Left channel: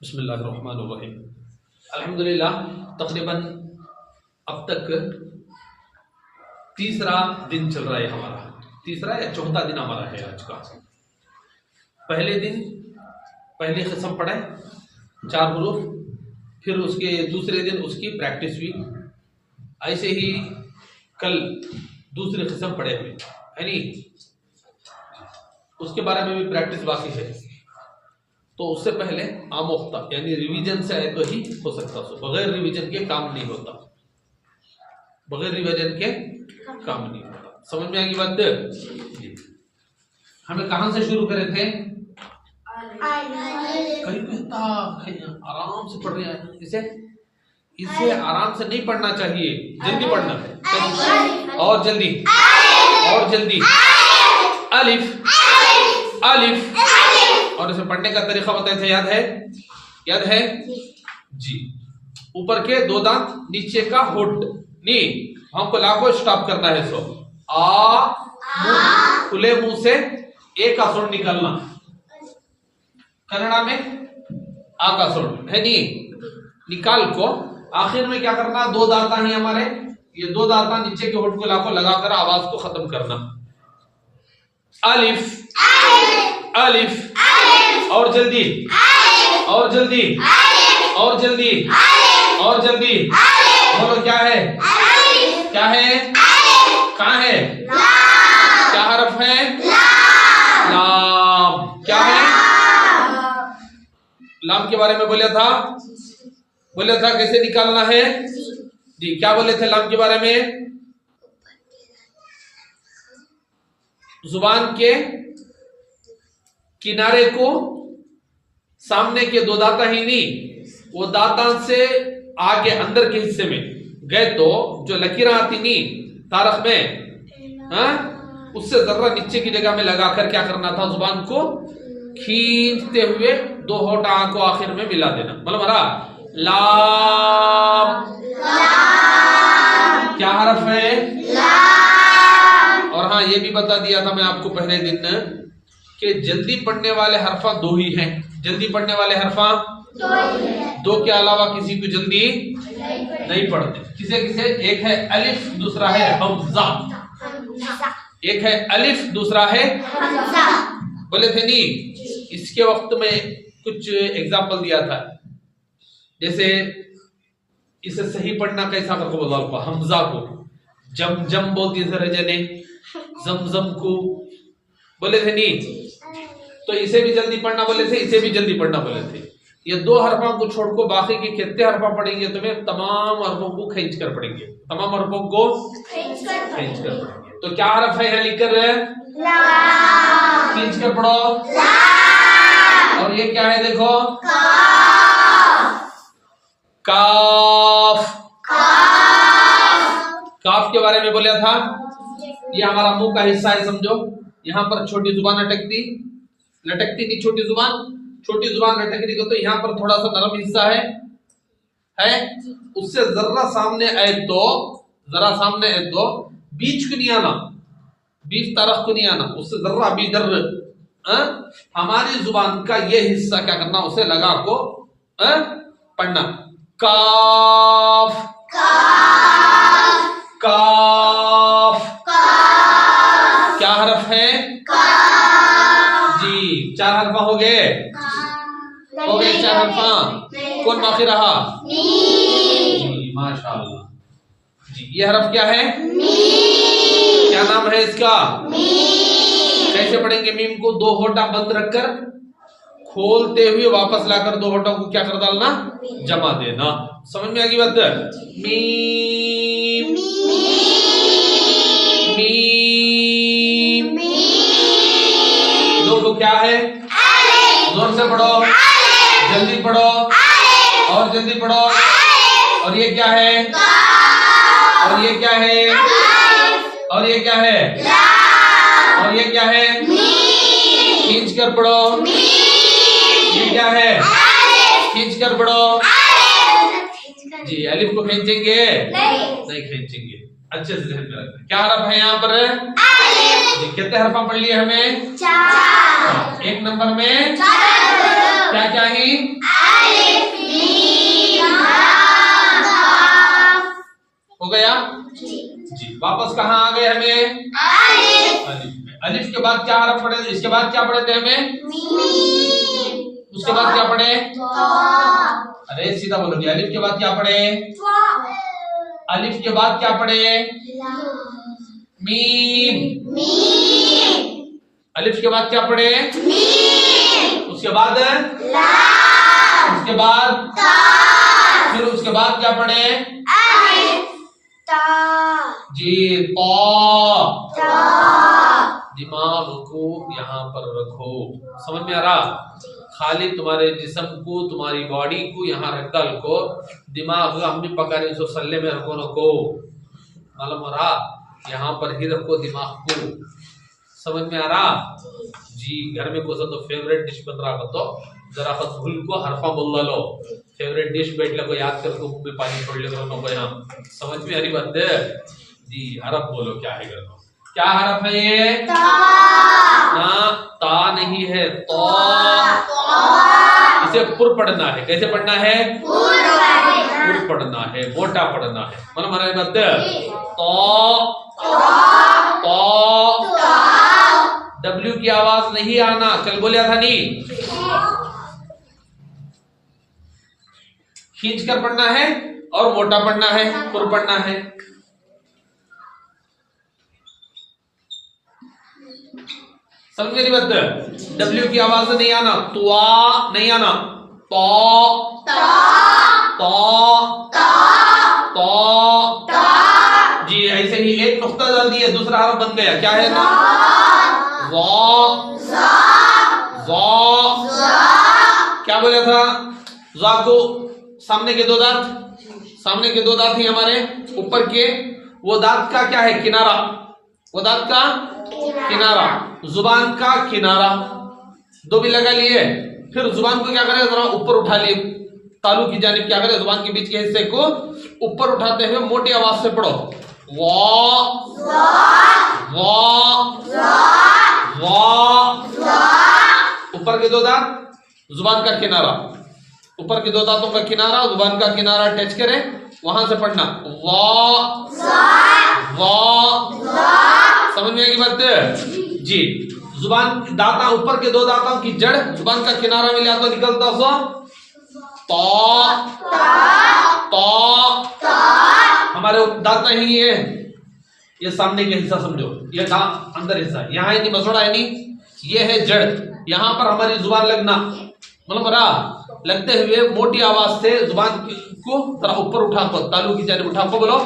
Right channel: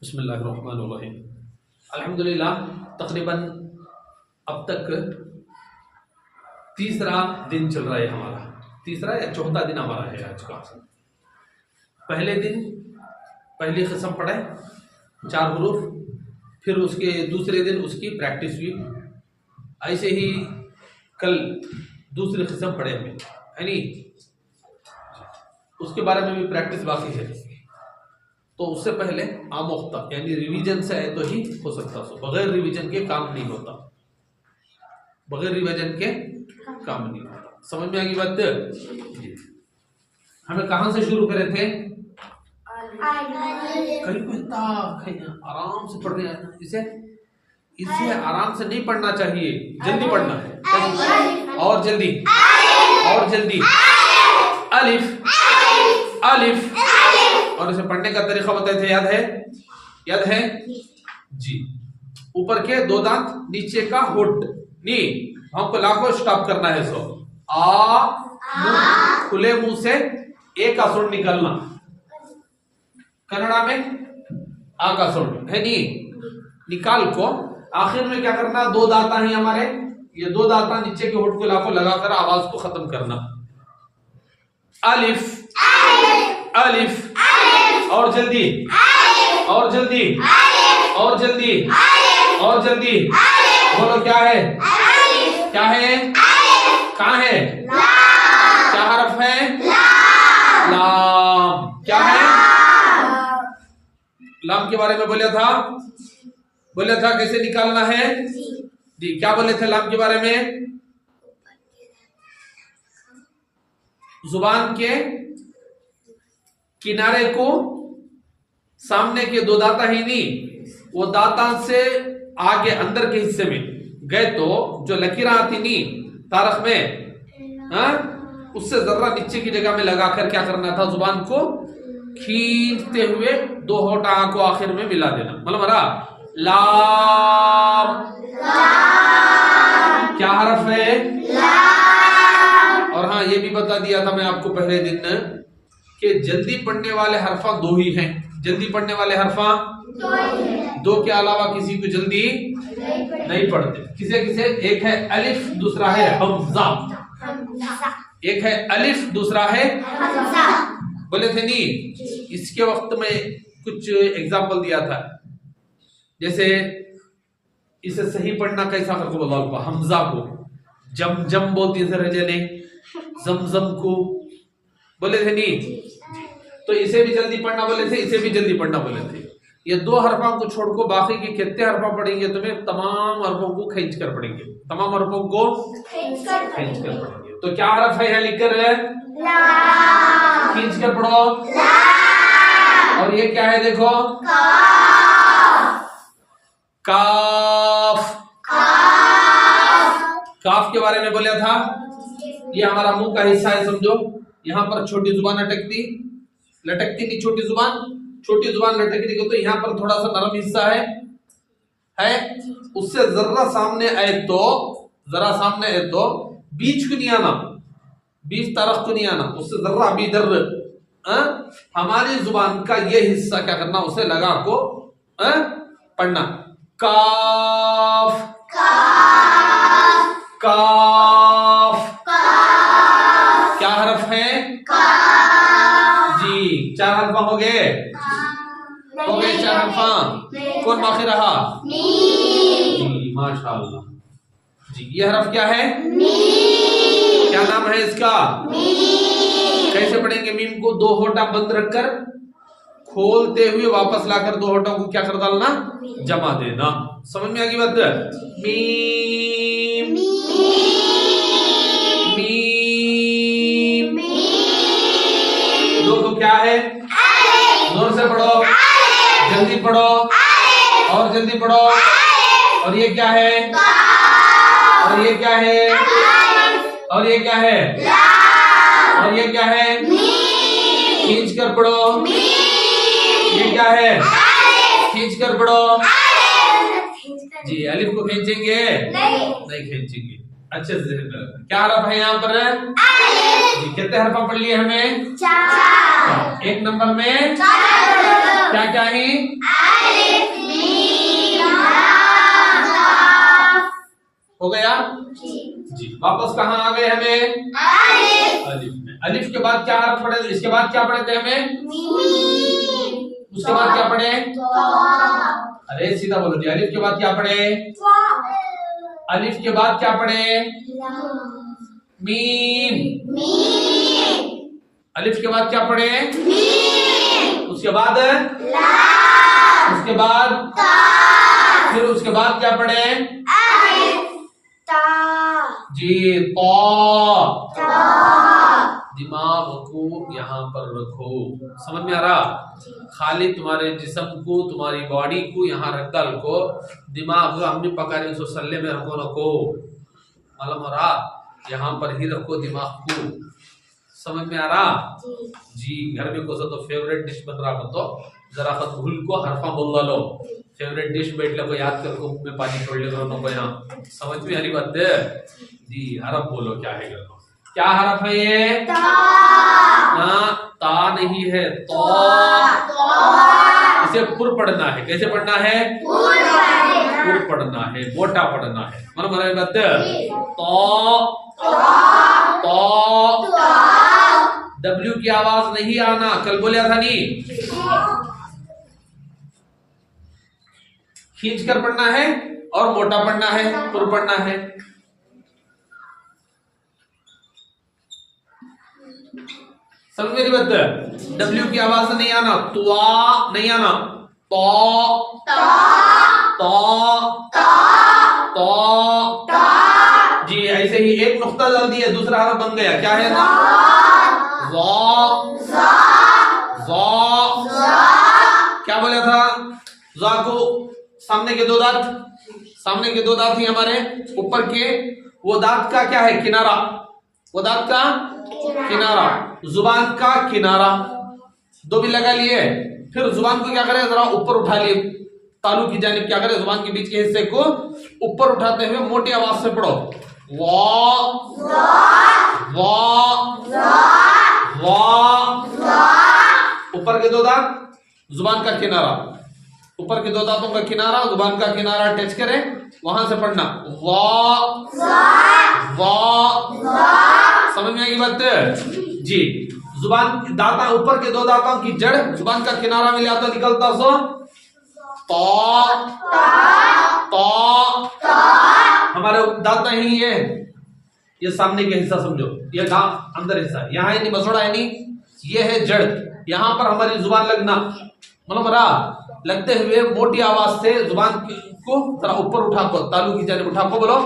बिस्मिल्लाहिर्रहमानिर्रहीम। अल्हम्दुलिल्लाह तकरीबन अब तक तीसरा दिन चल रहा है हमारा, तीसरा या चौथा दिन हमारा है आज का। पहले दिन पहली किस्म पढ़े 4 हुरूफ, फिर उसके दूसरे दिन उसकी प्रैक्टिस हुई। ऐसे ही कल दूसरी किस्म पढ़े हमें, है नहीं, उसके बारे में भी प्रैक्टिस बाकी है। तो उससे पहले आमोख्ता यानी रिवीजन से आए तो ही हो सकता, सो बगैर रिवीजन के काम नहीं होता, बगैर रिवीजन के काम नहीं होता। समझ में आ गई बात? हमें कहां से शुरू करे थे? कहीं कहता आराम से पढ़ रहे हैं ना, इसे आराम से नहीं पढ़ना चाहिए, जल्दी पढ़ना है और जल्दी और जल्दी। अलिफ अलिफ, और इसे पढ़ने का तरीका बताए थे, याद है? याद है जी। ऊपर के 2 दांत, नीचे का होठ नी, हमको लाखों स्टॉप करना है। सो आ खुले मुंह से ए का सुर निकलना, कन्नड़ा में आ का सुर है नी, निकाल को आखिर में क्या करना, 2 दांता ही हमारे, ये 2 दांता नीचे के होठ को लाखों लगाकर आवाज को खत्म करना। अलिफ अलिफ, और जल्दी और जल्दी और जल्दी और जल्दी बोलो, क्या है? क्या है? कहाँ है? क्या हरफ है? लाम। क्या है? लाम के बारे में बोला था कैसे निकालना है जी। क्या बोले थे लाम के बारे में? जुबान के किनारे को सामने के 2 दांता ही नहीं, वो दांता से आगे अंदर के हिस्से में गए तो जो लकीरें आती नहीं तारख में, उससे जरा नीचे की जगह में लगाकर क्या करना था, जुबान को खींचते हुए 2 होठ को आखिर में मिला देना। मतलब हमारा लाम क्या हरफ है? और हाँ, ये भी बता दिया था मैं आपको पहले दिन कि जल्दी पढ़ने वाले हरफा 2 ही हैं। जल्दी पढ़ने वाले हरफा 2 के अलावा किसी को जल्दी नहीं पढ़ते। किसे एक है अलिफ, दूसरा है हमजा। एक है अलिफ, दूसरा है हमजा। बोले थे नहीं, इसके वक्त में कुछ एग्जाम्पल दिया था, जैसे इसे सही पढ़ना कैसा करके बोला, हमजा को जम जम बोलती है रजने, जमजम को बोले थे नहीं, तो इसे भी जल्दी पढ़ना बोले थे, इसे भी जल्दी पढ़ना बोले थे। ये 2 हरफों को छोड़ को बाकी के कितने हरफा पढ़ेंगे तुम्हें, तमाम हरफों को खींच कर पढ़ेंगे, तमाम हरफों को खींच कर पढ़ेंगे। तो क्या हरफ है यहाँ लिख कर? खींच कर पढ़ो। और ये क्या है देखो, काफ। काफ के बारे में बोला था, ये हमारा मुंह का हिस्सा है, समझो। यहाँ पर छोटी जुबान लटकती नहीं, छोटी जुबान लटकती को, तो यहाँ पर थोड़ा सा नरम हिस्सा है, उससे जरा सामने आए तो बीच को नहीं आना, बीच तरफ को नहीं आना, उससे जरा भी इधर हमारी जुबान का ये हिस्सा क्या करना, उसे लगा को पढ़ना। काफ काफ, क्या हरफ है जी? 4 हरफा हो गए 4 हरफा। कौन बाकी रहा? जी, माशाअल्लाह जी। ये हरफ क्या है? क्या नाम है इसका? कैसे पढ़ेंगे? मीम को 2 होठा बंद रखकर खोलते हुए वापस लाकर 2 होठों को क्या कर डालना, जमा देना। समझ में आ गई बात? Meme meme. 2 को क्या है? जोर से पढ़ो, जल्दी पढ़ो और जल्दी पढ़ो। और ये क्या है? और ये क्या है? और ये क्या है? और ये क्या है? खींच कर पढ़ो। ये क्या है? खींच कर पढ़ो जी। अलिफ को खींचेंगे? नहीं खींचेंगे। अच्छे से क्या हरफ है यहाँ पर? जी। कितने हरफा पढ़ लिए हमें? 4। 1 नंबर में क्या क्या है? हो गया जी। वापस कहाँ आ गए हमें? अलिफ में। अलिफ के बाद क्या हरफ पढ़े? इसके बाद क्या पढ़े थे हमें? उसके बाद क्या पढ़े? अरे सीधा बोलो जी। अलिफ के बाद क्या पढ़े? अलिफ के बाद क्या पढ़े? मीम। अलिफ के बाद क्या पढ़े? उसके बाद उसके बाद फिर उसके बाद क्या पढ़े? जी तो। दिमाग को यहाँ पर रखो। समझ में आ रहा? खाली तुम्हारे जिस्म को, तुम्हारी बॉडी को यहाँ रख डाल को। दिमाग अम्मी पका रही उसको सल्ले में रखो नको। मालूम हो रहा? यहाँ पर ही रखो दिमाग को। समझ में आ रहा? जी। घर में कोसा तो फेवरेट डिश बन रहा हो तो जरा खत भूल को हरफा बोल लो। फेवरेट डिश बैठ लो को याद कर को, मुंह में पानी छोड़ ले करो नको। यहाँ समझ में आ रही बात जी? हरफ बोलो क्या है करो। क्या हरफ है ये? ना ता नहीं है, तो। इसे पुर पढ़ना है। कैसे पढ़ना है? पुर पढ़ना है, मोटा पढ़ना है। मतलब हमारे बात तो डब्ल्यू की आवाज नहीं आना। कल बोलिया था नहीं? खींच कर पढ़ना है और मोटा पढ़ना है, पुर पढ़ना है। समझ मेरी बात? डब्ल्यू की आवाज नहीं आना, तुआ नहीं आना, तो जी। ऐसे ही एक नुक्ता डाल दिए, दूसरा हरफ बन गया। क्या है? क्या बोला था? जा को सामने के दो दांत ही हमारे ऊपर के, वो दांत का क्या है? किनारा। वो दांत का किनारा, जुबान का किनारा। दो भी लगा लिए। फिर जुबान को क्या करें? जरा ऊपर उठा लिए, तालू की जानिब क्या करें? जुबान के बीच के हिस्से को ऊपर उठाते हुए मोटी आवाज से पढ़ो। ऊपर के दो दांत, जुबान का किनारा। ऊपर के दो दांतों का किनारा, जुबान का किनारा टच करे, वहां से पढ़ना। समझ में आएगी बात जी? जुबान दांता, ऊपर के दो दांतों की जड़ जुबान का किनारा मिला तो निकलता सो तो। हमारे दांत नहीं है, ये सामने का हिस्सा समझो। ये अंदर हिस्सा यहाँ है नहीं, मसोड़ा है नहीं, ये है जड़। यहाँ पर हमारी जुबान लगना, मतलब रहा लगते हुए मोटी आवाज से जुबान को जरा ऊपर उठा को, तालू की जानिब उठा को बोलो।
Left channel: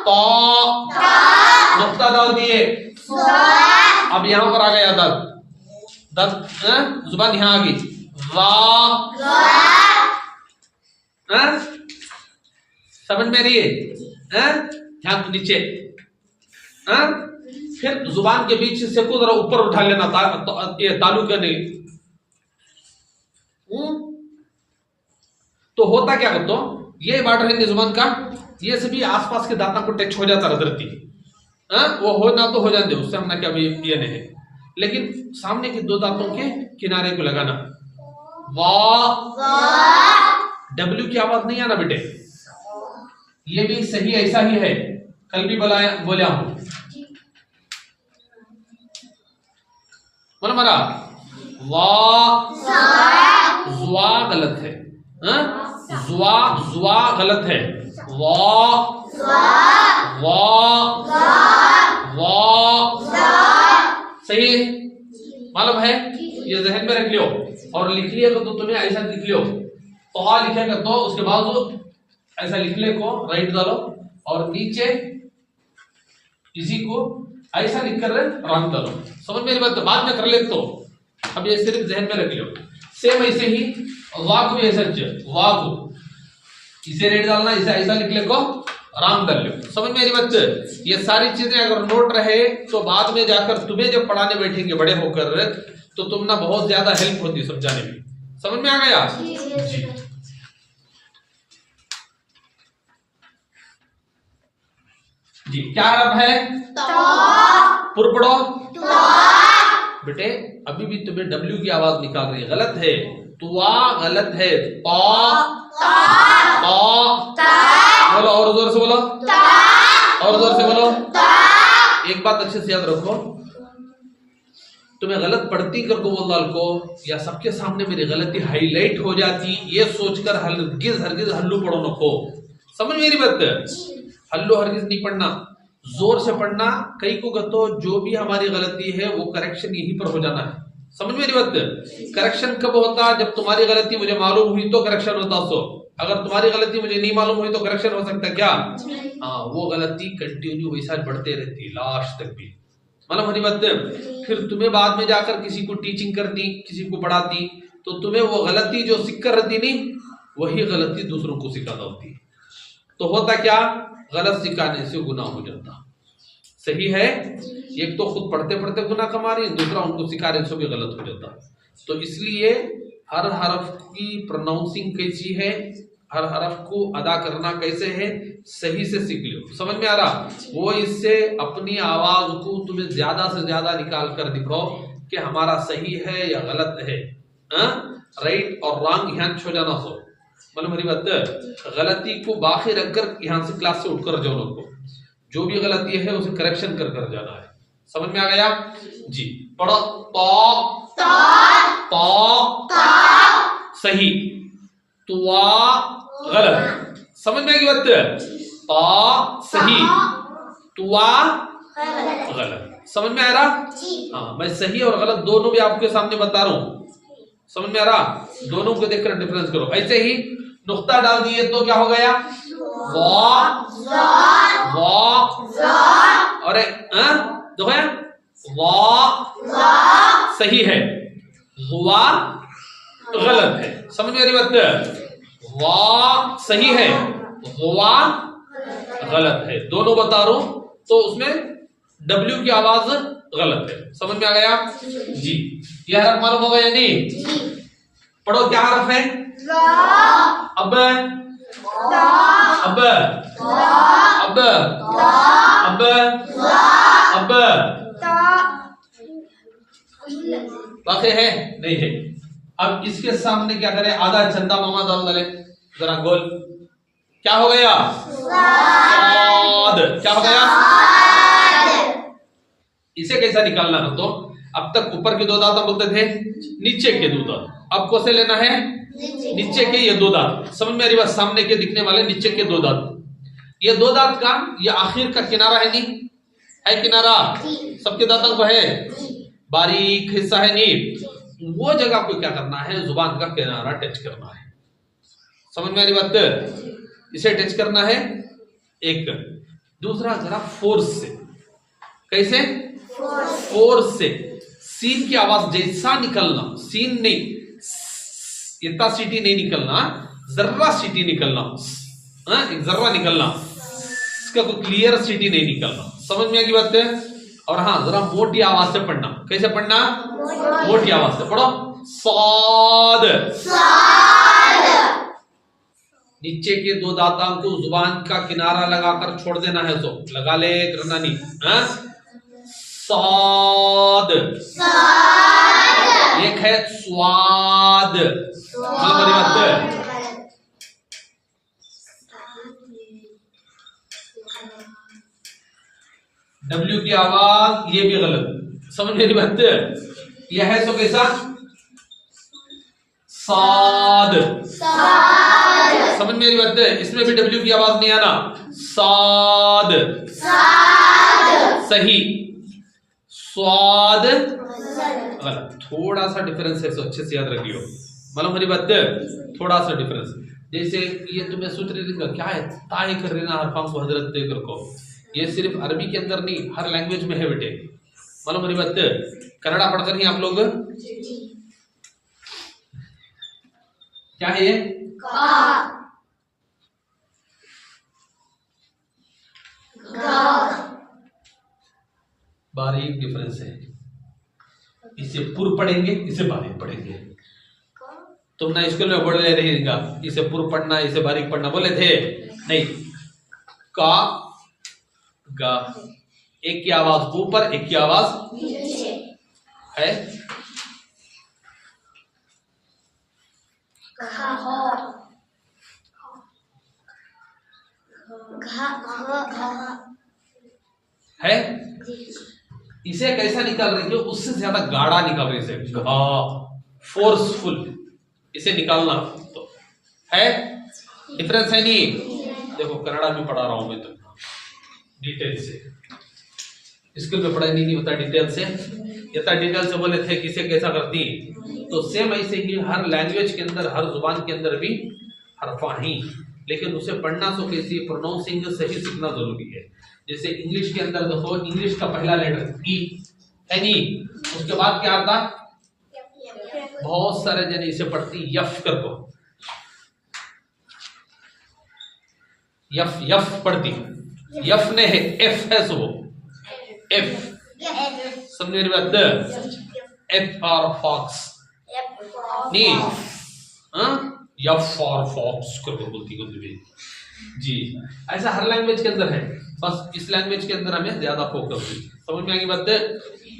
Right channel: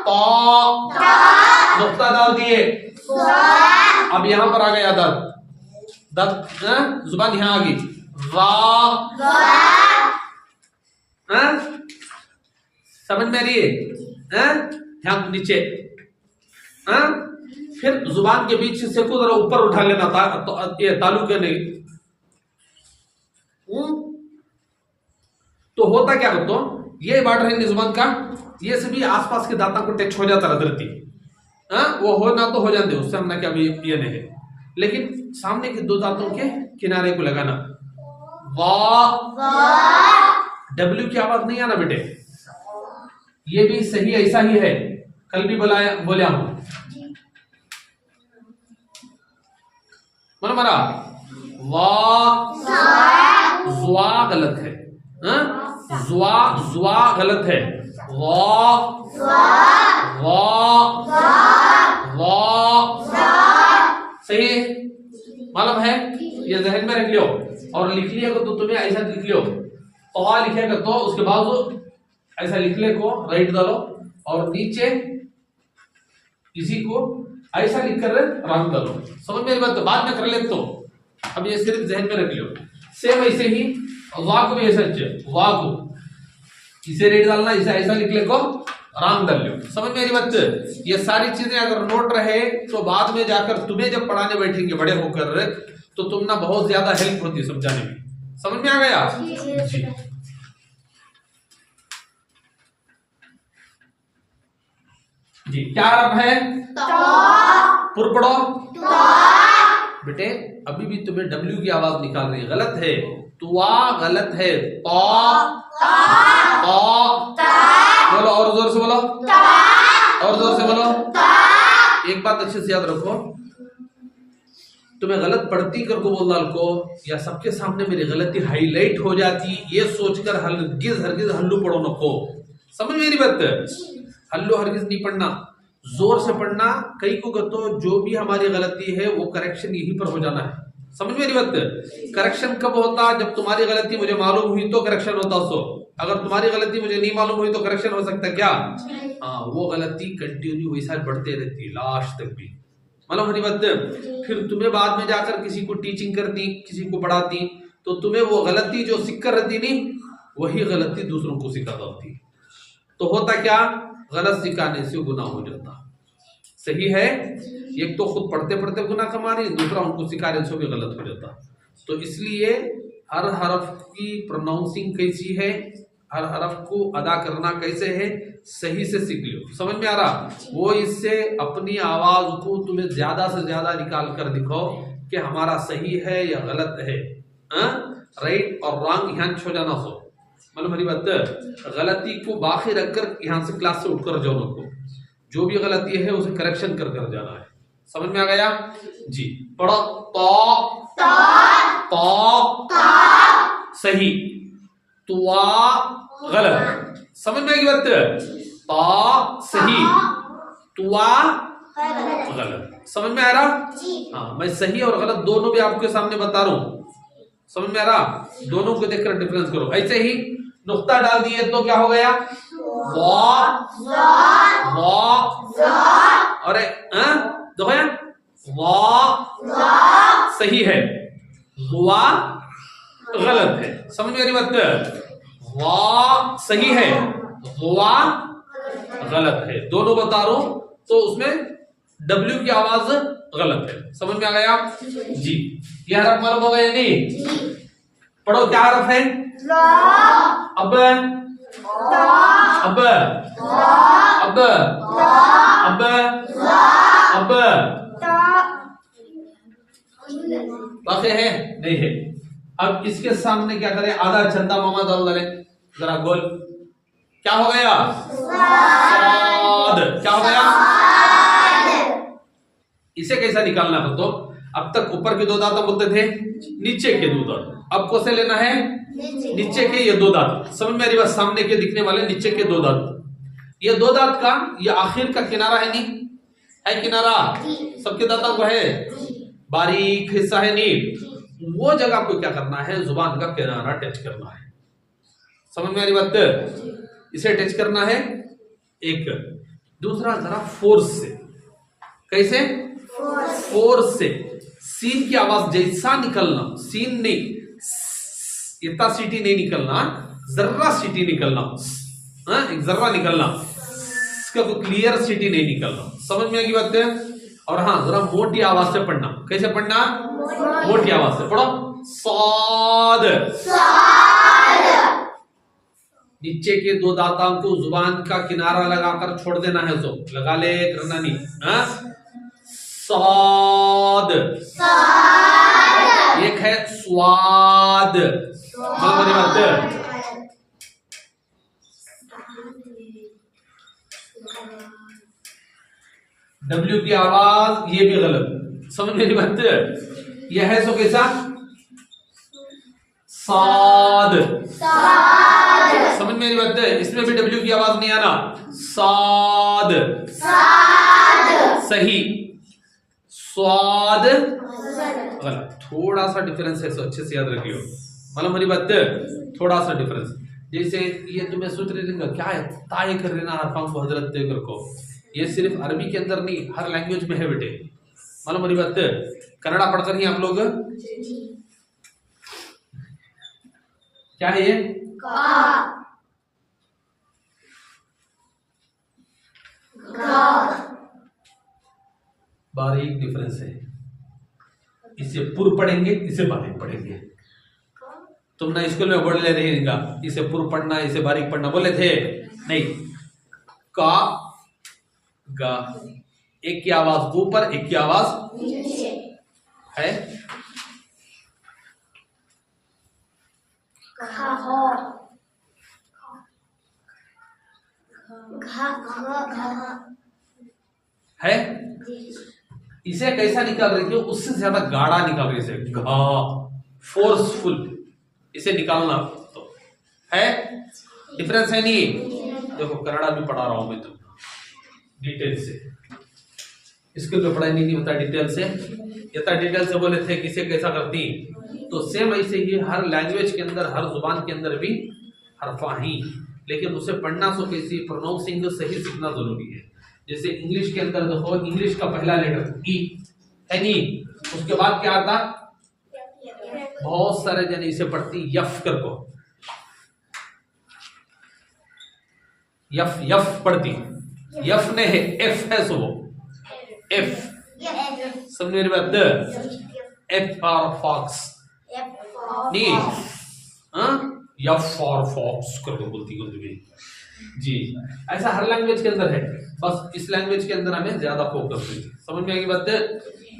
तो नुक्ता डाल दिए। अब यहाँ पर आ गया दत जुबान यहाँ आ गई। समझ में आ रही है? ध्यान नीचे। फिर जुबान के बीच से को जरा ऊपर उठा लेना, ये तालु करने। तो होता क्या करते हो? ये बॉर्डर है जुबान का, ये सभी आसपास के दांतों को टच हो जाता रदरती। वो हो ना तो हो जाते, उससे हम ना क्या ये नहीं है। लेकिन सामने के दो दांतों के किनारे को लगाना। डब्ल्यू की आवाज नहीं आना बेटे। ये भी सही ऐसा ही है, कल भी बोला हूं। मरा जुआ गलत है। जुआ गलत है। सही मालूम है? ये जहन में रख लियो और लिख लिया तो तुम्हें ऐसा लिख लियो। तो लिखेगा तो उसके बाद ऐसा लिखने को राइट डालो और नीचे इसी को ऐसा लिख कर रंग डालो। समझ मेरी बात? बाद में कर ले तो अब ये सिर्फ जहन में रख लियो। सेम ऐसे ही वाक भी ऐसा वाक इसे रेड डालना, इसे ऐसा लिखने को राम डाल लो। समझ मेरी बात? ये सारी चीजें अगर नोट रहे तो बाद में जाकर तुम्हें जब पढ़ाने बैठेंगे बड़े होकर तो तुम ना बहुत ज्यादा हेल्प होती है समझाने में। समझ में आ गया जी? जी क्या हरफ है? पुर पढ़ो बेटे अभी भी तुम्हें डब्ल्यू की आवाज निकाल रही है, गलत है। तुआ गलत है, पा बोलो, और जोर से बोलो, और जोर से बोलो। एक बात अच्छे से याद रखो, तुम्हें गलत पढ़ती कर को बोल डाल को या सबके सामने मेरी गलती हाईलाइट हो जाती, ये सोचकर हरगिज हल्लू पढ़ो नको। समझ मेरी बात? हल्लू हरगिज नहीं पढ़ना, जोर से पढ़ना। कई को तो जो भी हमारी गलती है वो करेक्शन यहीं पर हो जाना है। समझ मेरी बात? करेक्शन कब होता? जब तुम्हारी गलती मुझे मालूम हुई तो करेक्शन होता। सो अगर तुम्हारी गलती मुझे नहीं मालूम हुई तो करेक्शन हो सकता क्या? हाँ, वो गलती कंटिन्यू वैसा बढ़ते रहती लास्ट तक भी। मतलब हमारी बात, फिर तुम्हें बाद में जाकर किसी को टीचिंग करती, किसी को पढ़ाती, तो तुम्हें वो गलती जो सीख कर रहती नहीं, वही गलती दूसरों को सिखाता होती। तो होता क्या? गलत सिखाने से गुनाह हो जाता। सही है? एक तो खुद पढ़ते पढ़ते गुनाह कमा रही, दूसरा उनको सिखाने से भी गलत हो जाता। तो इसलिए हर हरफ की प्रोनाउंसिंग कैसी है, हर हरफ को अदा करना कैसे है, सही से सीख लो। समझ में आ रहा? वो इससे अपनी आवाज को तुम्हें ज्यादा से ज्यादा निकाल कर दिखाओ कि हमारा सही है या गलत है। राइट और रॉन्ग यहाँ छो जाना। सो मतलब मेरी बात, गलती को बाकी रखकर यहाँ से क्लास से उठकर जाओ। को जो भी गलती है उसे करेक्शन कर कर जाना है। समझ में आ गया जी? पढ़ो, सही, तुआ गलत। समझ में आएगी बात? सही, तुआ गलत। समझ में आ रहा? हाँ, मैं सही और गलत दोनों भी आपके सामने बता रहा हूं। समझ में आ रहा? दोनों को देखकर डिफरेंस करो। ऐसे ही नुक्ता डाल दिए तो क्या हो गया? और देखो यार, सही है, वा गलत है। समझ में आ रही बात? वा सही है, वा गलत है, दोनों बता रहा हूं। तो उसमें डब्ल्यू की आवाज गलत है। समझ में आ गया जी? यह हरफ मालूम हो गया नहीं? पढ़ो, क्या हरफ है? अब बाकी है नहीं है। अब इसके सामने क्या करें? आधा चंदा मामा डाल डाले, जरा गोल। क्या हो गया? क्या हो गया? इसे कैसा निकालना हो? तो अब तक ऊपर के दो दांत हम बोलते थे, नीचे के दो दांत। अब कौन से लेना है? नीचे के ये दो दांत। समझ में आ रही बात? सामने के दिखने वाले नीचे के दो दांत, ये दो दांत का ये आखिर का किनारा है नहीं है? किनारा सबके दांतों को है, बारीक हिस्सा है नहीं, वो जगह को क्या करना है? जुबान का किनारा टच करना है। समझ में आ रही बात? इसे टच करना है। एक दूसरा जरा फोर्स से। कैसे? फोर्स से। सीन की आवाज जैसा निकलना, सीन नहीं, इतना सीटी नहीं निकलना, जर्रा सीटी निकलना, एक जर्रा निकलना, इसका कोई क्लियर सीटी नहीं निकलना। समझ में आएगी बात? और हाँ, जरा मोटी आवाज से पढ़ना। कैसे पढ़ना? मोटी आवाज से पढ़ो। साद, नीचे के दो दांतों को जुबान का किनारा लगाकर छोड़ देना है। तो लगा ले, करना नहीं। साद, एक है स्वाद। हमारी बात, डब्ल्यू की आवाज ये भी गलत। समझ मेरी बात? यह है सो कैसा? साद। समझ मेरी बात? इसमें भी डब्ल्यू की आवाज नहीं आना। साद सही, स्वाद गलत। थोड़ा सा डिफरेंस है, सो अच्छे से याद रखियो। मतलब मेरी बात, थोड़ा सा डिफरेंस। जैसे ये तुम्हें सोच रहे क्या है, ताय कर रहे ना हरफाम को हजरत देकर को, ये सिर्फ अरबी के अंदर नहीं, हर लैंग्वेज में है बेटे। मालूम मेरी बात? कन्नड़ा पढ़कर ही आप लोग क्या है ये? बारीक डिफरेंस है। इसे पूर्व पढ़ेंगे, इसे बारीक पढ़ेंगे। तुम ना स्कूल में बोल ले रहेगा इसे पूर्व पढ़ना, इसे बारीक पढ़ना, बोले थे नहीं। का गा, एक की आवाज ऊपर, एक की आवाज है है इसे कैसा निकाल रही है? उससे ज्यादा गाढ़ा निकाल रही है, घा फोर्सफुल इसे निकालना तो है। डिफरेंस है नहीं? देखो कन्नड़ा में पढ़ा रहा हूं मैं तुम डिटेल से, स्कूल में पढ़ाई नहीं होता डिटेल से, इतना डिटेल से बोले थे किसे कैसा करती, तो सेम ऐसे ही हर लैंग्वेज के अंदर हर जुबान के अंदर भी हरफा ही, लेकिन उसे पढ़ना सो कैसी प्रोनाउंसिंग सही सीखना जरूरी है। जैसे इंग्लिश के अंदर देखो, इंग्लिश का पहला लेटर ई है नी, उसके बाद क्या आता, बहुत सारे जने इसे पढ़ती यफ कर को, यफ यफ पढ़ती, यफ ने है एफ है, सो एफ समझ मेरी बात, एफ फॉर फॉक्स नहीं, यफ फॉर फॉक्स कर को बोलती है जी। ऐसा हर लैंग्वेज के अंदर है, बस इस लैंग्वेज के अंदर हमें ज्यादा फोकस है। समझ में आ गई बात है?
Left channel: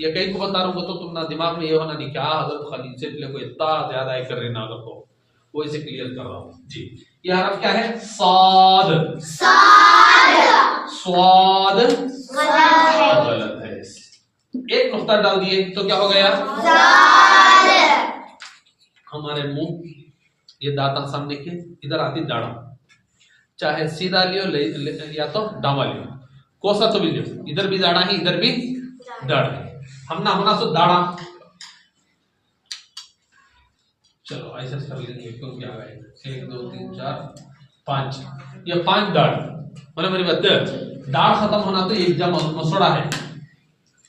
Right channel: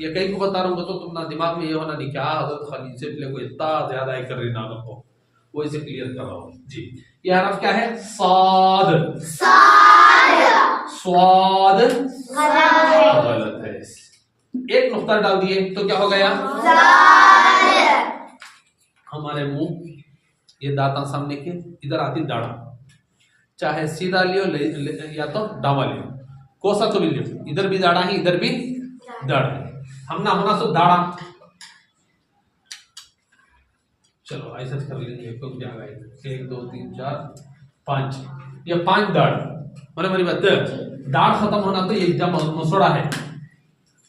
ये कहीं को बता रहा हूँ तो तुम ना दिमाग में ये होना नहीं क्या हजरत खाली से को इतना ज्यादा है कर रही ना कर, तो वो इसे क्लियर कर रहा हूँ जी। ये हरफ क्या है? साद, स्वाद गलत है, एक नुक्ता डाल दिए तो क्या हो गया? हमारे मुंह ये दांत सामने के इधर आती दाढ़ा, चाहे सीधा लियो या तो डावा लियो, कोसा तो भी लियो, इधर भी दाढ़ा है इधर भी दाढ़ा है, हम ना होना सो दाढ़ा। चलो ऐसा कर लेंगे, कौन क्या गए 1 2 3 4 5, ये 5 दाढ़, मतलब मेरी बात दाढ़ खत्म होना तो ये एकदम मसोड़ा है,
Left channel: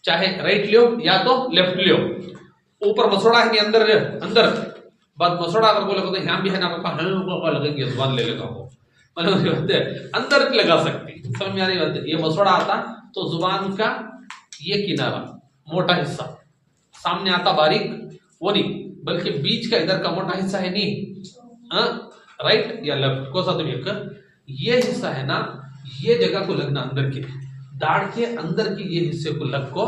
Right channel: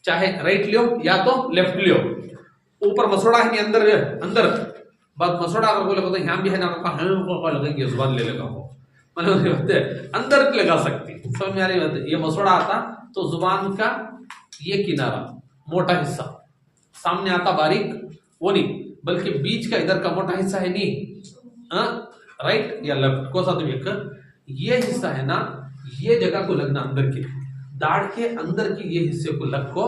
चाहे राइट लियो या तो लेफ्ट लियो, ऊपर मसोड़ा है नहीं अंदर अंदर बात मसोड़ा अगर बोले तो यहाँ भी है ना का लगेंगे जुबान ले लेगा वो, मतलब अंदर लगा सकती, समझ में आ रही बात? ये मसोड़ा आता तो जुबान का ये किनारा मोटा हिस्सा सामने आता, बारीक वो नहीं, बल्कि बीच का इधर का मोटा हिस्सा है नहीं, राइट या लेफ्ट को साथ में ये हिस्सा है ना, ये जगह को लगना अंदर की दाढ़ के अंदर की ये हिस्से को लग को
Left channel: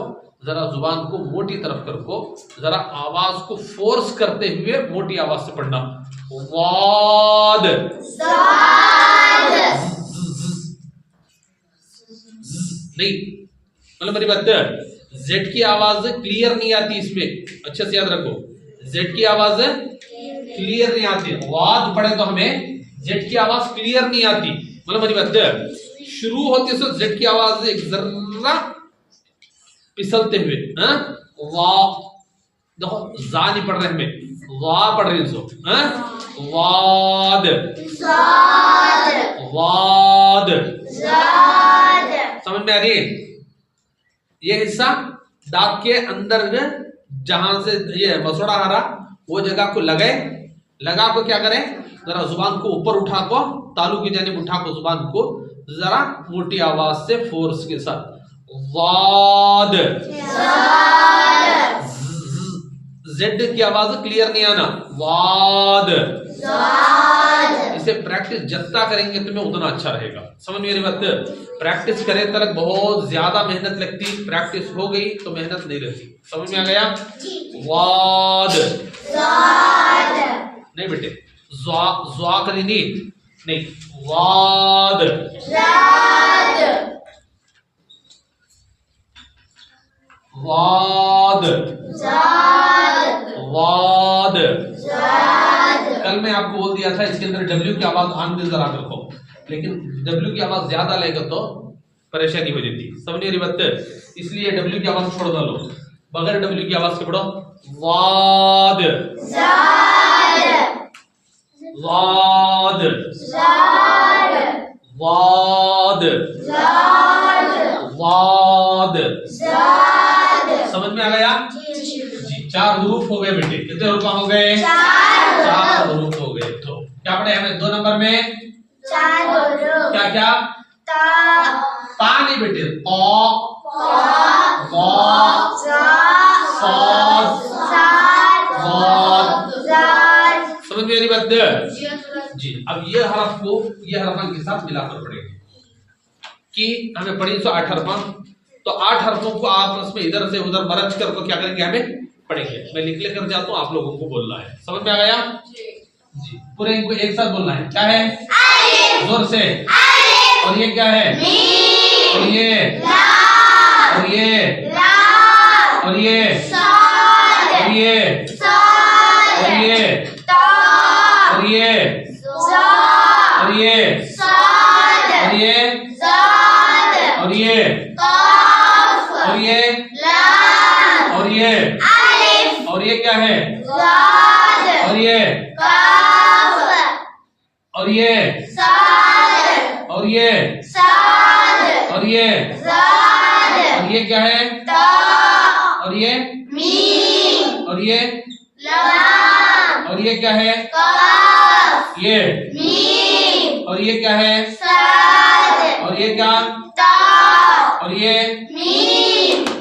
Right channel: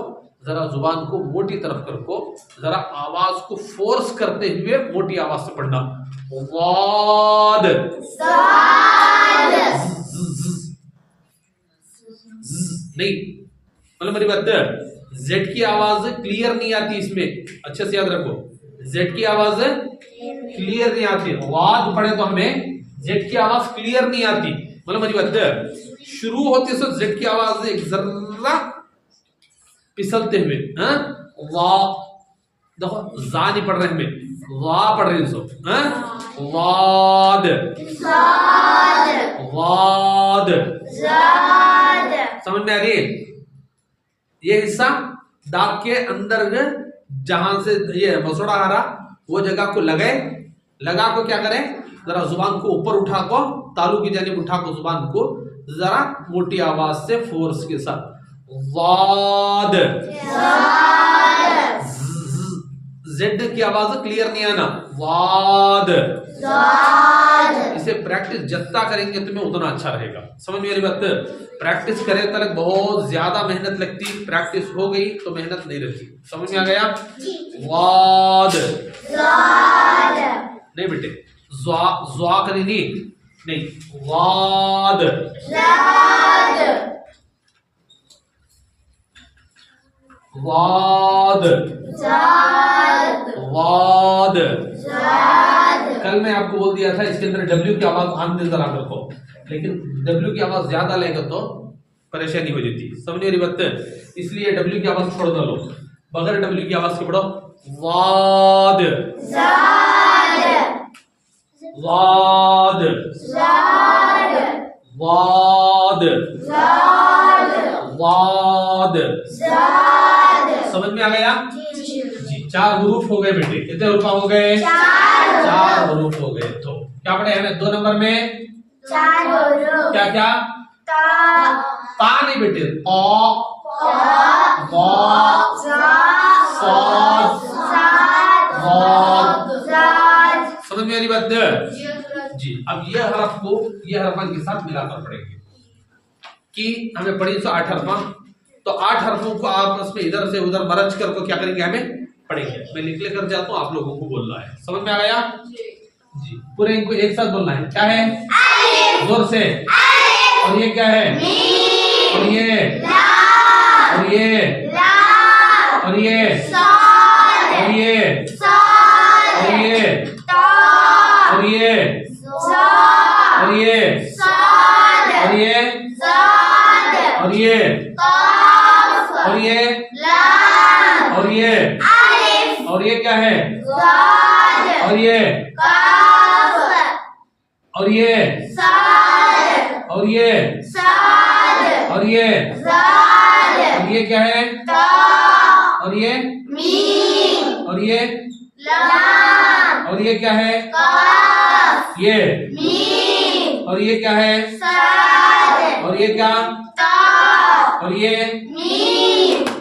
जरा जुबान को मोटी तरफ कर को, जरा आवाज को फोर्स करते हुए मोटी आवाज से पढ़ना, वाद नहीं, मतलब मेरी बात जेड की आवाज क्लियर नहीं आती इसमें, अच्छे से याद रखो, जेड की आवाज क्लियर नहीं आती, वाद पढ़े तो हमें जेड की आवाज क्लियर नहीं आती, मतलब मेरी बात शुरू होती है तो जेड की आवाज एक जरा पिसलते हुए, वाह देखो जा नहीं पढ़ रहे हमें, वाह पढ़ रही सो, वाद वाद, समझ में आ रही? ये हिस्सा दांत के अंदर जहां से ये मसोड़ा आ रहा वो जगह को लगा को क्या करें, जरा जुबान को ऊपर उठा को, तालू की जानिब उठा को जुबान को जरा मोटी आवाज से फोर्स के साथ, वाद, जेड की आवाज क्लियर नहीं आना, वाद, इसे प्रैक्टिस जितना करेंगे तुम्हें उतना अच्छा रहेगा, समझ मेरी बात? प्रैक्टिस करे तक बहुत ज्यादा मेहनत लगती, प्रैक्टिस हो गई तो मेहनत नहीं रहती, समझ में आ गया? वाद नहीं बेटे, ज्वा करी नहीं, वाद, वाद, वाद, कल मैं आपको बोल दिया था इसके अंदर डब्ल्यू की आवाज आन में जरा रखो, लेकिन डब्ल्यू की आवाज ज्यादा लेगा तो परेशानी हो जाती, समझ रही बात? इसलिए डब्ल्यू की आवाज छोड़ डालो, बगैर डब्ल्यू की आवाज के पढ़ो, वाद, वाद, वाद, वाद, समझ में आ गया जी? 4 हरूफ हो गए बेटे, कितने हरूफ हो गए? 4 हरूफ हो गए। तो क्या पढ़े हमें 2 नंबर में? 4 हरूफ। क्या क्या? ता नहीं बेटे, समझ में आ रही बात जी? अब ये हरफ को ये हरफन के साथ मिलाकर पढ़ेंगे कि हमें पढ़ी 8 हरफा, तो 8 हरफों को आपस में इधर से उधर मरज कर को क्या करेंगे, हमें पढ़ेंगे। मैं लिख लेकर जाता हूँ, आप लोगों को बोलना है। समझ में आ गया जी? पूरे इनको एक साथ बोलना है। क्या है? जोर से। और ये क्या है? और ये और ये और ये और ये और ये और ये और ये और ये और ये और ये और ये और ये क्या है? और ये और ये और ये और ये और ये क्या है? और ये और ये और ये क्या है? ये और ये क्या है? और ये क्या? और ये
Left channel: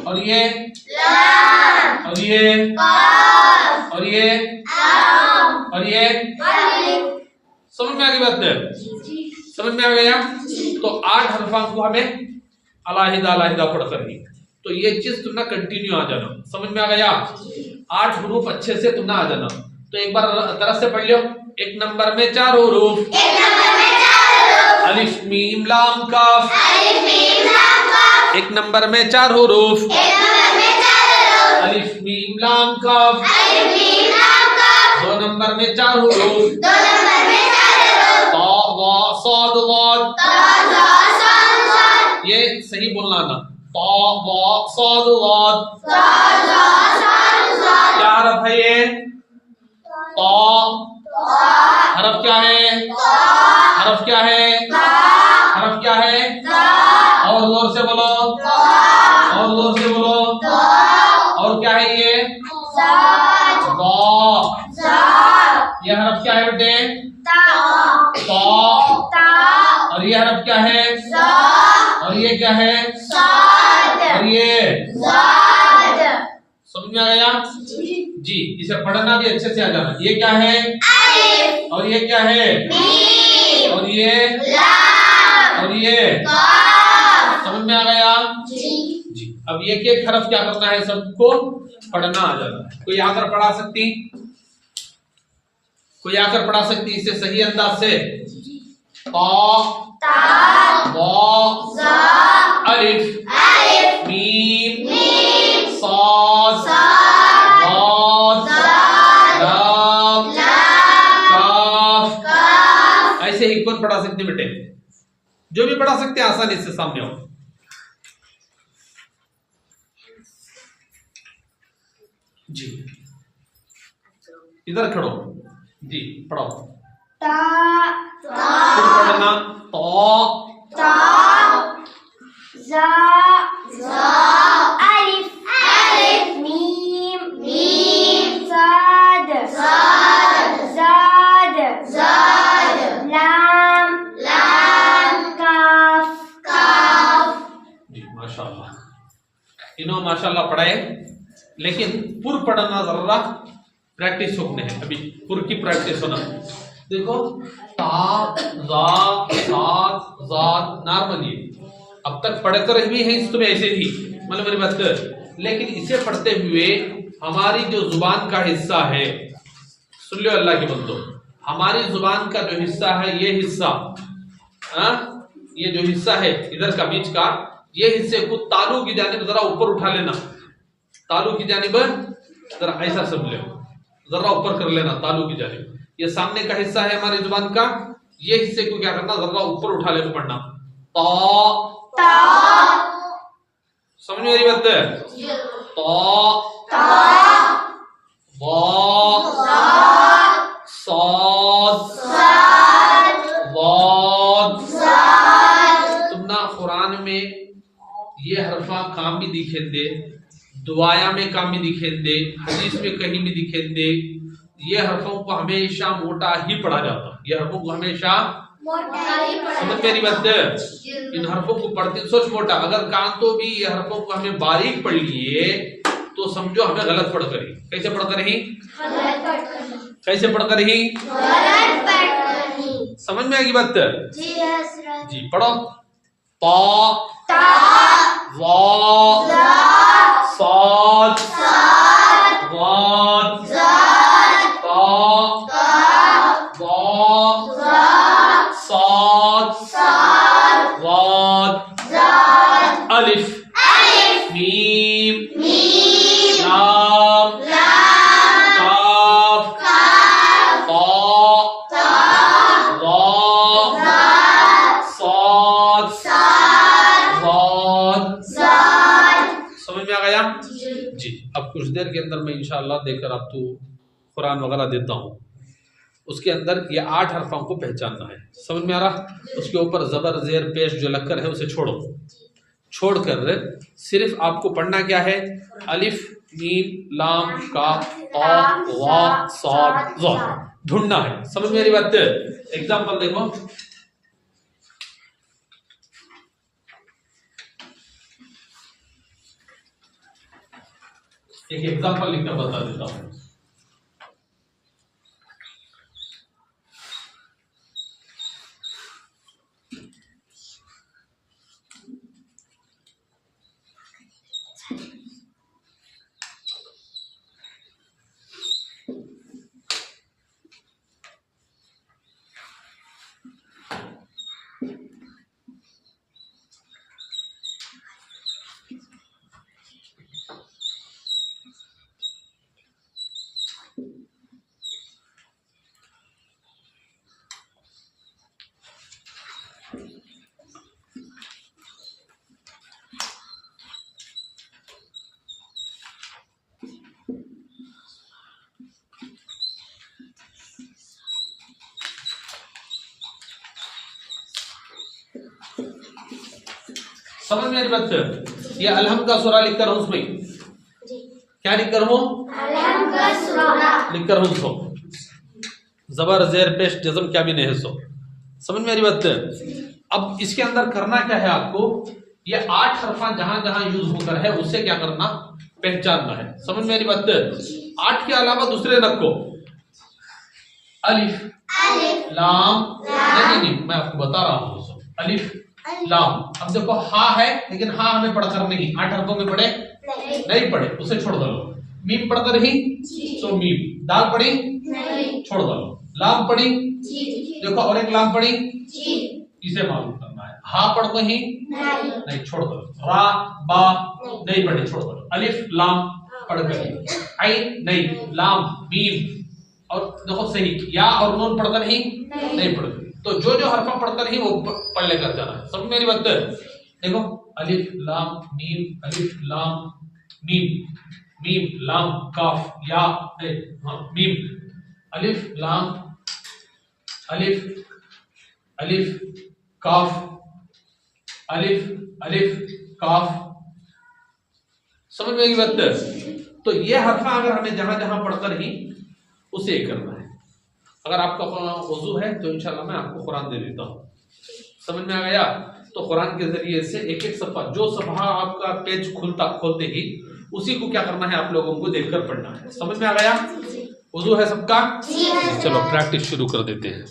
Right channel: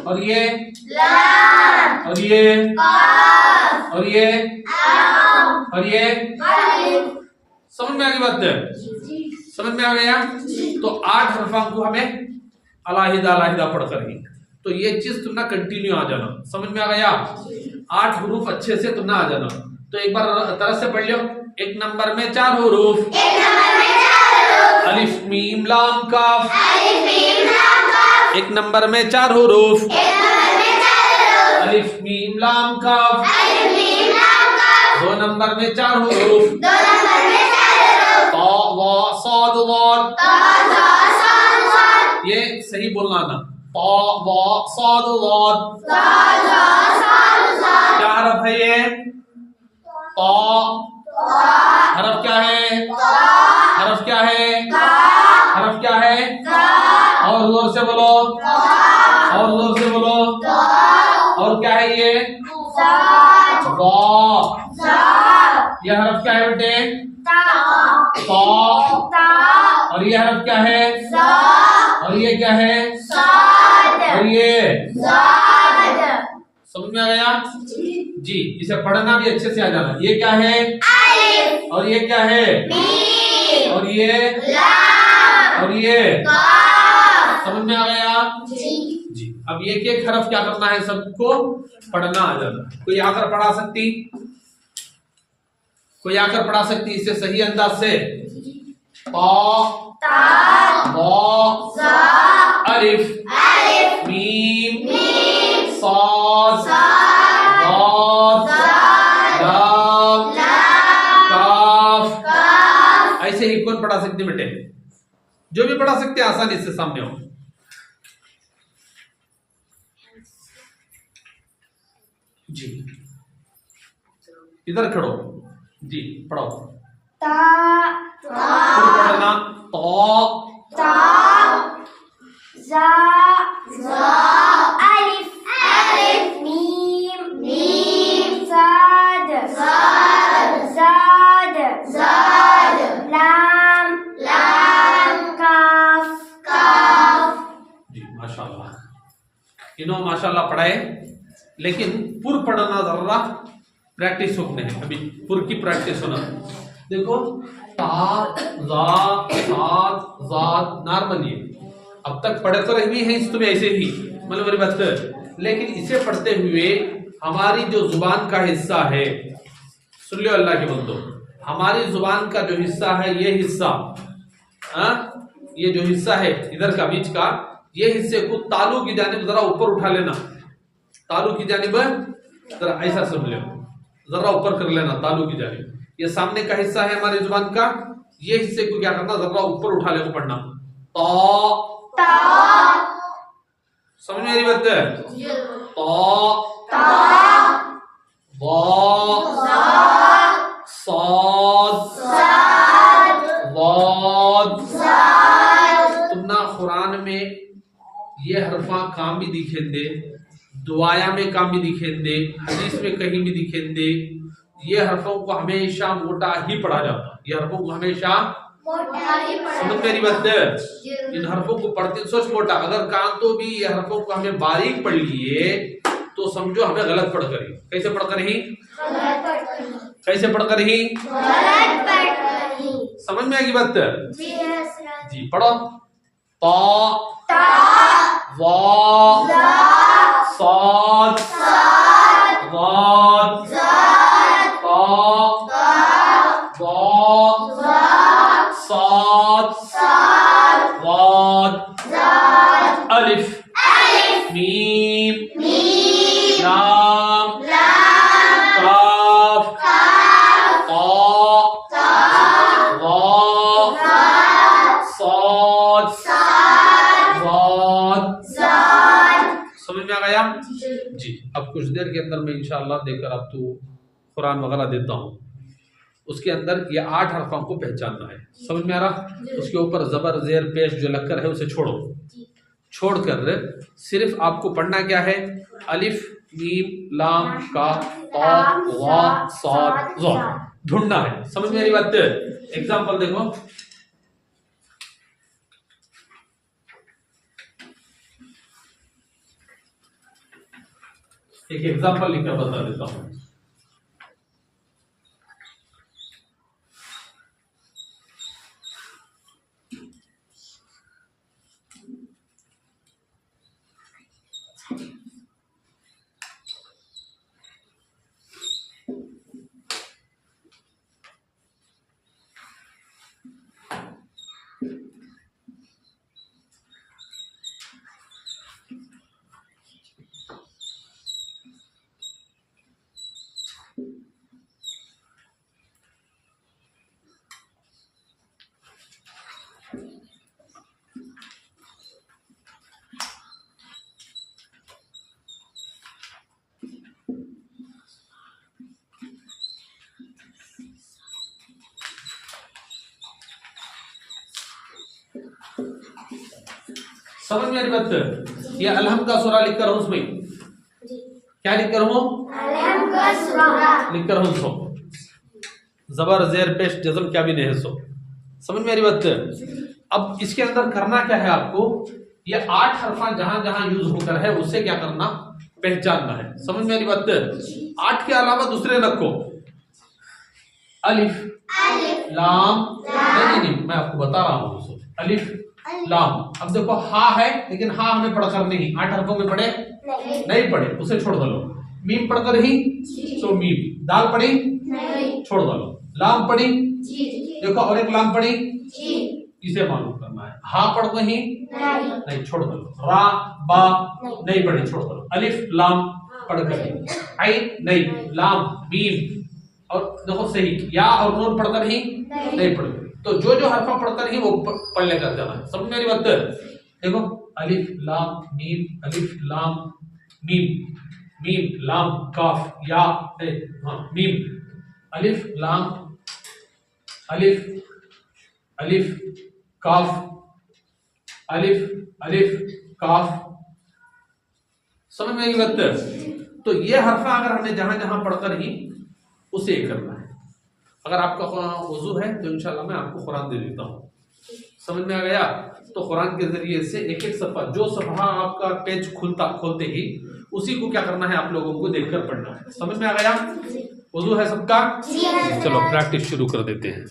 और ये और ये और ये और ये समझ में आ गई बात है? समझ में आ गया? तो 8 हरफां को हमें अलाहिदा अलाहिदा पढ़कर ही, तो ये चीज तुम ना कंटिन्यू आ जाना। समझ में आ गया? 8 हुरूफ अच्छे से तुम ना आ जाना। तो एक बार तरह से पढ़ लो। एक नंबर में 4 हुरूफ, अलिफ मीम लाम काफ। एक नंबर में 4 हुरूफ, अलिफ मीम लाम काफ। 2 नंबर में 4 हुरूफ, ता वा साद वाद। ये सही बोलना ना, ता वा साद वाद। क्या हरफ है ये? ता। हरफ क्या है? हरफ क्या है? हरफ क्या है? और जोर से बोलो, और जोर से बोलो। और क्या है ये? ये हरफ क्या है बेटे? ता। और ये हरफ क्या है? और ये क्या है? और ये समझ में आ गया जी? इसे पढ़ना भी अच्छे से आ जाना। ये क्या है? और ये क्या है? और ये और ये समझ में आ गया जी? अब एक एक हरफ क्या करना है? सबको पढ़ना आ जाना है। कोई आकर पढ़ा सकती? कोई आकर पढ़ा सकती इसे सही अंदाज से? ता वा अलिफ मीम साद वाद लाम काफ। ऐसे ही कौन पढ़ा सकते बेटे? जो भी पढ़ा सकते हैं आसानी से सामने हो। जी इधर खड़ो जी, पढ़ो। पढ़ना ता जा अलिफ मीम साद जाद लाम काफ। जी माशाल्लाह, इन्हों माशाल्लाह पढ़ाए, लेकिन पुर पढ़ना जरा प्रैक्टिस होने है। अभी पुर की प्रैक्टिस होना। देखो ता जा साद जाद नॉर्मल, ये अब तक पढ़कर भी है तुम्हें ऐसे ही, मतलब मेरी बात। लेकिन इसे पढ़ते हुए हमारी जो जुबान का हिस्सा है, सुन लो अल्लाह के बंदो, हमारी जुबान का जो हिस्सा है, ये हिस्सा ये जो हिस्सा है इधर का बीच का, ये हिस्से को तालू की जानिब जरा ऊपर उठा लेना। तालू की जानिब जरा ऐसा समझ लो, जरा ऊपर कर लेना तालू की जानिब। ये सामने का हिस्सा है हमारी जुबान का, ये हिस्से को क्या करना, जरा ऊपर उठा लेकर पढ़ना। ता समझ में आ रही बात है? ता वा साद वाद। तुम ना कुरान में ये हरफा काम भी दिखे दे, दुआया में काम भी दिखे दे, हदीस में कहीं भी दिखे दे। ये हरफों को हमेशा मोटा ही पढ़ा जाता, ये हरफों को हमेशा समझ मेरी बात है? इन हरफों को पढ़ते सोच मोटा, अगर कहा तो भी ये हरफों को हमें बारीक पढ़ लिए तो समझो हमें गलत पढ़ कर ही। कैसे पढ़ कर ही? कैसे पढ़ कर ही? समझ में आएगी बात? जी पढ़ो। ता वा साद के अंदर मैं इंशाअल्लाह देकर आपको कुरान वगैरह देता हूँ, उसके अंदर ये 8 हरफों को पहचानना है। समझ में आ रहा? उसके ऊपर ज़बर ज़ेर पेश जो लगकर है उसे छोड़ो, छोड़कर सिर्फ आपको पढ़ना क्या है, अलिफ मीम लाम काफ क़ाफ वा साद ज़ा ढूंढना है। समझ में मेरी बात? एग्जाम्पल देखो, एक एग्जाम्पल लिखकर बता देता हूं। समझ में आ रही बात? ये अलहम का सूरा लिख कर हूं, उसमें क्या लिख कर हूं, अलहम का सूरा लिख कर हूं, सो जबर जेर पेश जज़म क्या भी नहीं है, सो समझ में आ रही बात? अब इसके अंदर करना क्या है आपको, ये 8 हरफा जहां जहां यूज होकर है उसे क्या करना, पहचानना है। समझ में आ रही बात? 8 के अलावा दूसरे रखो, अलिफ लाम, नहीं मैं आपको बता रहा हूं दोस्तों, अलिफ लाम। अब देखो हा है, लेकिन हा हमें पढ़कर नहीं, 8 हरफों में पढ़े नहीं पढ़े, उसे छोड़ दो। मीम पढ़कर ही, सो मीम। दाल पढ़ी छोड़ दो। लाम पढ़ी, देखो और एक लाम पढ़ी, इसे मालूम करना है। हा पढ़ ही नहीं, छोड़ दो। रा बा नहीं पढ़ी, छोड़ दो। अलिफ लाम पढ़कर, आई नहीं, लाम मीम, और देखो सही या और नून पढ़कर ही नहीं पढ़। तो जो हरफा पढ़कर ही वो पढ़ लेकर जाना है। समझ में मेरी बात? देखो अलिफ लाम मीम, अलिफ लाम मीम, मीम लाम काफ या हाँ मीम, अलिफ लाम अलिफ, अलिफ काफ, अलिफ अलिफ काफ। समझ में मेरी बात? तो ये हरफा अगर हमें जहां जहां पढ़कर ही उसे करना है। अगर आपका वजू है तो इंशाल्लाह मैं आपको कुरान दे देता हूँ। समझ में आ गया? तो कुरान के जरिए से एक एक सफ़ा, जो सफ़ा आपका पेज खोलते ही उसी को क्या करना है, आप लोगों को देखकर पढ़ना है। समझ में आ गया? वजू है सबका? चलो प्रैक्टिस शुरू कर देते हैं।